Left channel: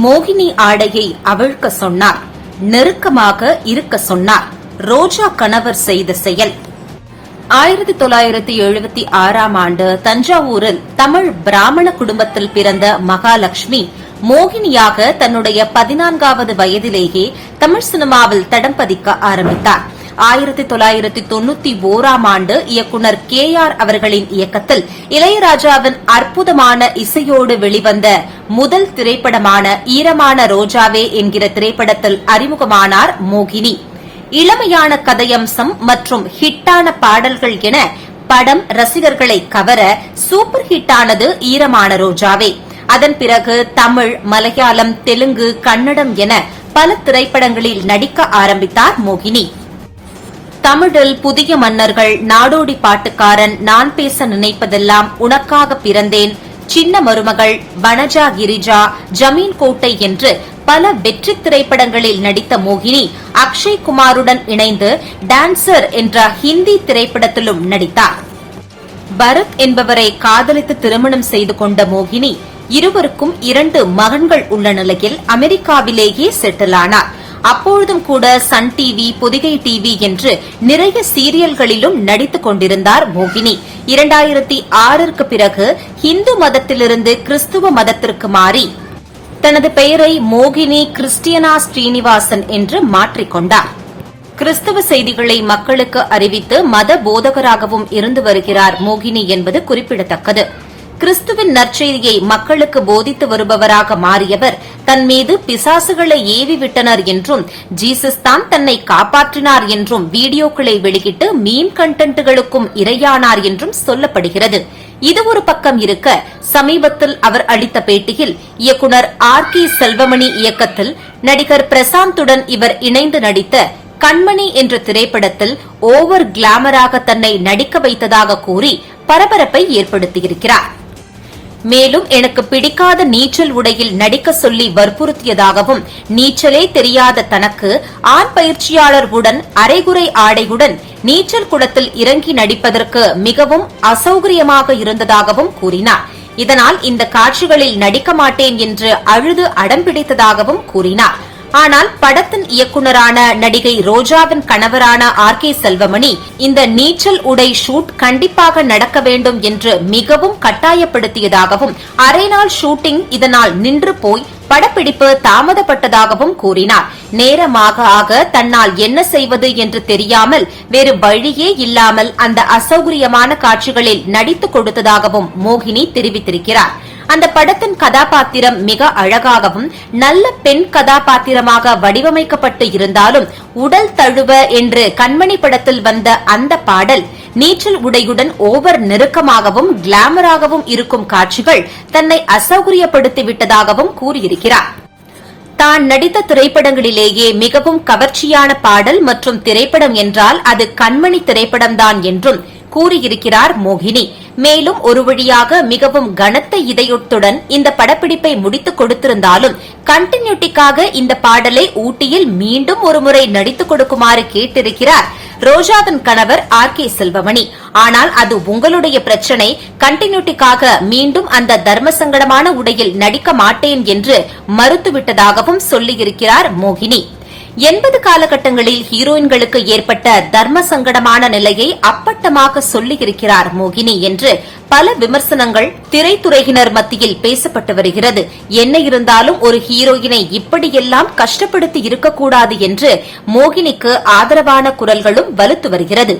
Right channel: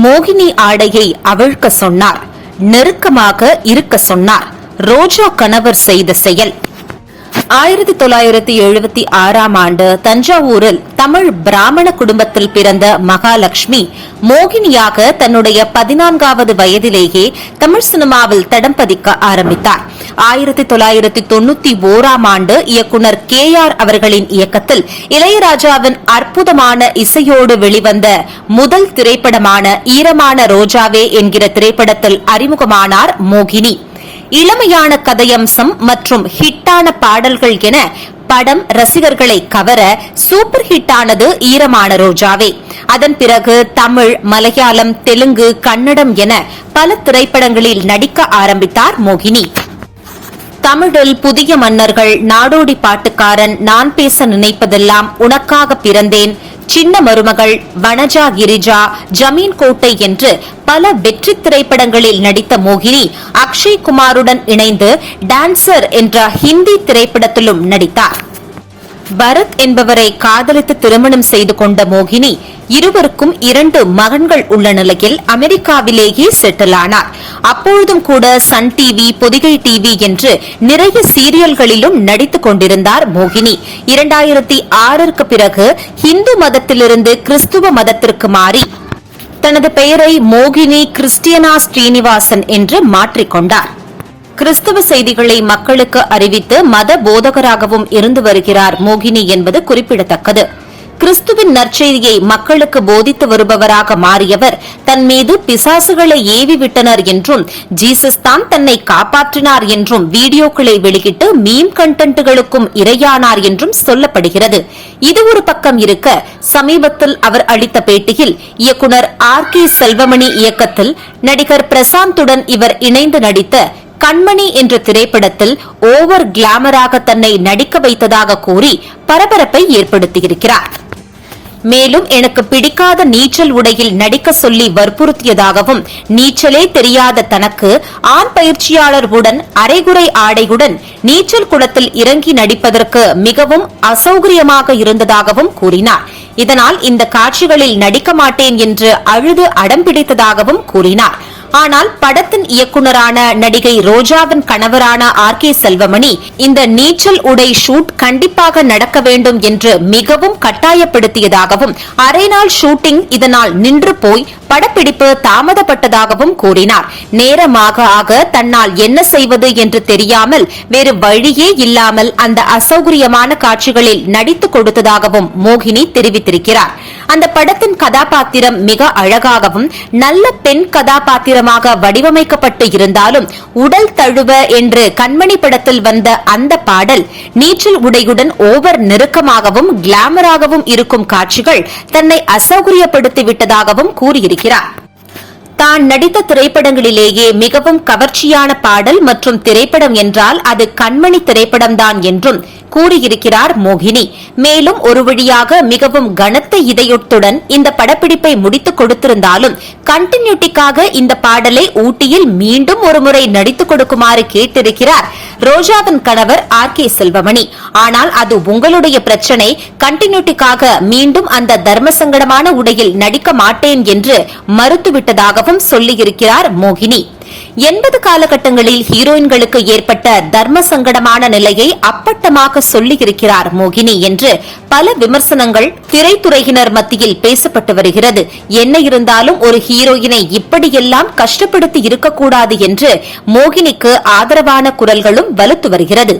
மோகினி ஆடையை அவிழ்க்க சொன்னார் நெருக்கமாக இருக்க சொன்னார். ரோஜா கணவர் செய்த செயல். ஆயிரத்தி தொள்ளாயிரத்தி எழுபத்தி ஆறாம் ஆண்டு தஞ்சாவூரில் தமிழ் பிராமண குடும்பத்தில் பிறந்த மகாலட்சுமி மோகினியாக தன்னுடைய பதினான்காவது வயதிலேயே தமிழ் சினிமாவில் தடம் பதிக்க ஆரம்பித்தார். ஆயிரத்தி தொள்ளாயிரத்தி தொண்ணூத்தி ஓராம் ஆண்டு இயக்குனர் கே ஆர் அவர்களின் இயக்கத்தில் இளையராஜாவின் அற்புதமான இசையோடு வெளிவந்த முதல் திரைப்படமான ஈரமான ரோஜாவே என்கிற திரைப்படத்தில் அறிமுகமானார் மோகினி. இளமையான கதையம்சம் மற்றும் ஹிட்டான பாடல்கள் என படம் ரசிகர்களை கவர சூப்பர் ஹிட்டானது ஈரமான ரோஜாவே. அதன் பிறகு தமிழ் மலையாளம் தெலுங்கு கன்னடம் என பல திரைப்படங்களில் நடிக்க ஆரம்பித்தார் மோகினி. தமிழில் புதிய மன்னர்கள் நாடோடி பாட்டுக்காரன் நான் பேச நினைப்பதெல்லாம் உனக்காக பிறந்தேன். சின்ன மருமகள் வனஜா கிரிஜா ஜமீன் கோட்டை என்று பல வெற்றி திரைப்படங்களில் நடித்த மோகினி அக்ஷய் குமாருடன் இணைந்து டான்சர் என்ற ஹிந்தி திரைப்படத்திலும் நடித்தார். பரத் என்பவரை காதலித்து திருமணம் செய்து கொண்ட மோகினி இருவருக்கும் இரண்டு மகன்கள் உள்ள நிலையில் அமெரிக்காவிலேயே செட்டில் ஆனார். அப்பொழுதும் கூட சன் டிவி பொதிகை டிவி என்று நிறைய சீரியல்களிலும் நடித்துக் கொண்டிருந்தார் மோகினி. இரண்டாயிரத்தி ஆறிற்கு பிறகு இந்து மதத்திலிருந்து கிறிஸ்துவ மதத்திற்கு மாறி தனது பெயரை மோகினி கிறிஸ்டியனா ஸ்ரீனிவாசன் என்று மாற்றிக்கொண்டார் கிறிஸ்தவ செய்திகளை மக்களுக்கு அறிவித்து மத போதகராகவும் இருந்து வருகிறார் மோகினி என்பது குறிப்பிடத்தக்கது. கிறிஸ்துவின் நற்செய்தியை மக்களுக்கு போதித்து வருபவராக மாறியவர். தன் மீது பிசாசுகளை ஏவி விட்டனர் என்றும் ஜீசஸ் தான் தன்னை காப்பாற்றினார் என்றும் வீடியோக்களை வெளியிட்டு மீம் கண்டென்ட்டுகளுக்கும் இரையானார் என்றும் சொல்லப்படுகிறது. இது ஒரு பக்கம் இருக்க சமீபத்தில் அவர் அளித்த பேட்டியில் இயக்குனர் ஆர் கே செல்வமணி இயக்கத்தில் நடிகர் பிரசாந்துடன் இவர் இணைந்து நடித்த கண்மணி என்ற திரைப்படத்தில் ஓவர் கிளாமராக தன்னை நடிக்க வைத்ததாக கூறி பரபரப்பை ஏற்படுத்தியிருக்கிறார். மேலும் எனக்கு பிடிக்காத நீச்சல் உடையில் நடிக்க சொல்லி வற்புறுத்தியதாகவும் நீச்சலே தெரியாத தனக்கு ஆண் பயிற்சியாளர் உடன் அரைகுறை ஆடையுடன் நீச்சல் குளத்தில் இறங்கி நடிப்பதற்கு மிகவும் அசௌகரியமாக இருந்ததாகவும் கூறினார். இதனால் இந்த காட்சிகளில் நடிக்க மாட்டேன் என்று அழுது அடம்பிடித்ததாகவும் கூறினார். ஆனால் படத்தின் இயக்குனரான நடிகை ரோஜாவின் கணவரான ஆர் கே செல்வமணி இந்த நீச்சல் உடை ஷூட் கண்டிப்பாக நடக்க வேண்டும் என்று மிகவும் கட்டாயப்படுத்தியதாகவும் அரை நாள் ஷூட்டிங் இதனால் நின்று போய் படப்பிடிப்பு தாமதப்பட்டதாகவும் கூறினார். நேரமாக ஆக தன்னால் என்ன செய்வது என்று தெரியாமல் வேறு வழியே இல்லாமல் அந்த அசௌகரியமான காட்சிகளில் நடித்துக் கொடுத்ததாகவும் மோகினி தெரிவித்திருக்கிறார். அந்த படத்தின் கதாபாத்திரம் மிக அழகாகவும் நல்ல பெண் கதாபாத்திரமாக வடிவமைக்கப்பட்டு இருந்தாலும் உடல் தழுவ என்று கண்மணி படத்தில் வந்த அந்த பாடல் நீச்சல் உடையுடன் ஓவர் நெருக்கமாகவும் கிளாமராகவும் இருக்கும் காட்சிகள் தன்னை அசௌகரியப்படுத்தி விட்டதாகவும் கூறியிருக்கிறார். தான் நடித்த திரைப்படங்களிலேயே மிகவும் கவர்ச்சியான பாடல் மற்றும் திரைப்படம் என்றால் அது கண்மணி திரைப்படம்தான் என்றும் கூறியிருக்கிறார் மோகினி. மேலும் ஒரு வழியாக மிகவும் கனத்த இதயத்துடன் இந்த படப்பிடிப்பை முடித்துக் கொடுத்திருந்தாலும் கண்டினியூட்டிக்காக இந்த பாடலை ஊட்டியில் மீண்டும் ஒருமுறை நடித்துக் கொடுக்குமாறு கேட்டிருக்கிறார் ரோஜாவின் கணவர் ஆர் கே செல்வமணி. ஆனால் அது உங்களுடைய பிரச்சனை. கண்டினியூட்டிக்காக மீண்டும் அந்த தர்ம சங்கடமான உடையில் நடிக்க மாட்டேன் என்று மறுத்துவிட்டதாகவும் சொல்லியிருக்கிறார் மோகினி. எண்பது காலகட்டங்களில் ஹீரோயின்களுக்கு ஏற்பட்ட தர்ம சங்கடமான நிலையை அப்பட்டமாக சொல்லியிருக்கிறார் மோகினி என்று பல விமர்சனங்கள் திரைத்துறையினர் மத்தியில் பேசப்பட்டு வருகிறது. என்ன இருந்தாலும் ஒரு ஹீரோயினை இப்படியெல்லாம் கஷ்டப்படுத்தி இருக்கக்கூடாது என்று மோகினிக்கு ஆதரவான குரல்களும் வலுத்து வருகிறது.